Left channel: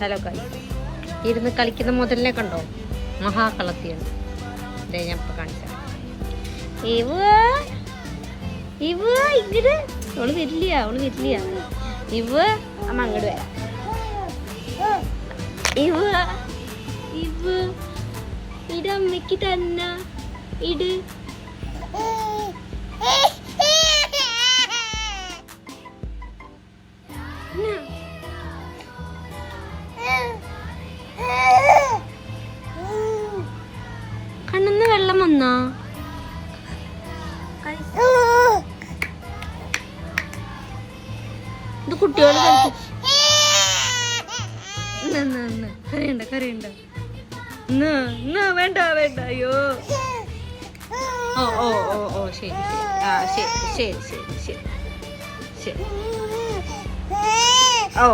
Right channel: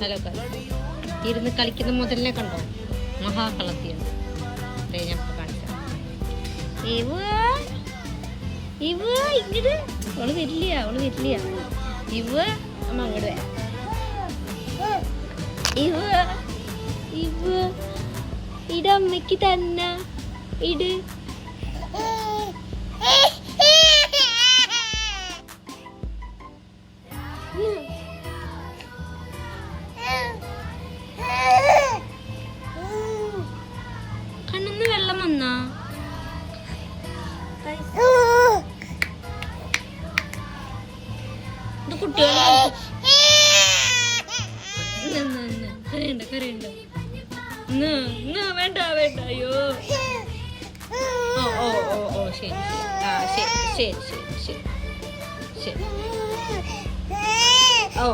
Hello guys, ഇരുന്ന് കളിക്കുന്ന മുതലിനെ കണ്ടോ? മഹാകളത്തിയാണ്. ഞാൻ കാണിക്കാം. ഇങ്ങട് അവള് വരില്ല. അമ്മ അങ്ങോട്ട് വരാം. ഇടമ്മയ്ക്ക് തന്ന ഇട്. കണ്ണിന്ന് വെള്ളം വന്നോ? ഇത് കുട്ടിയോട് കരയണ്ട. വേണ്ട അയ്യോ. ഓ ശരി. ഓ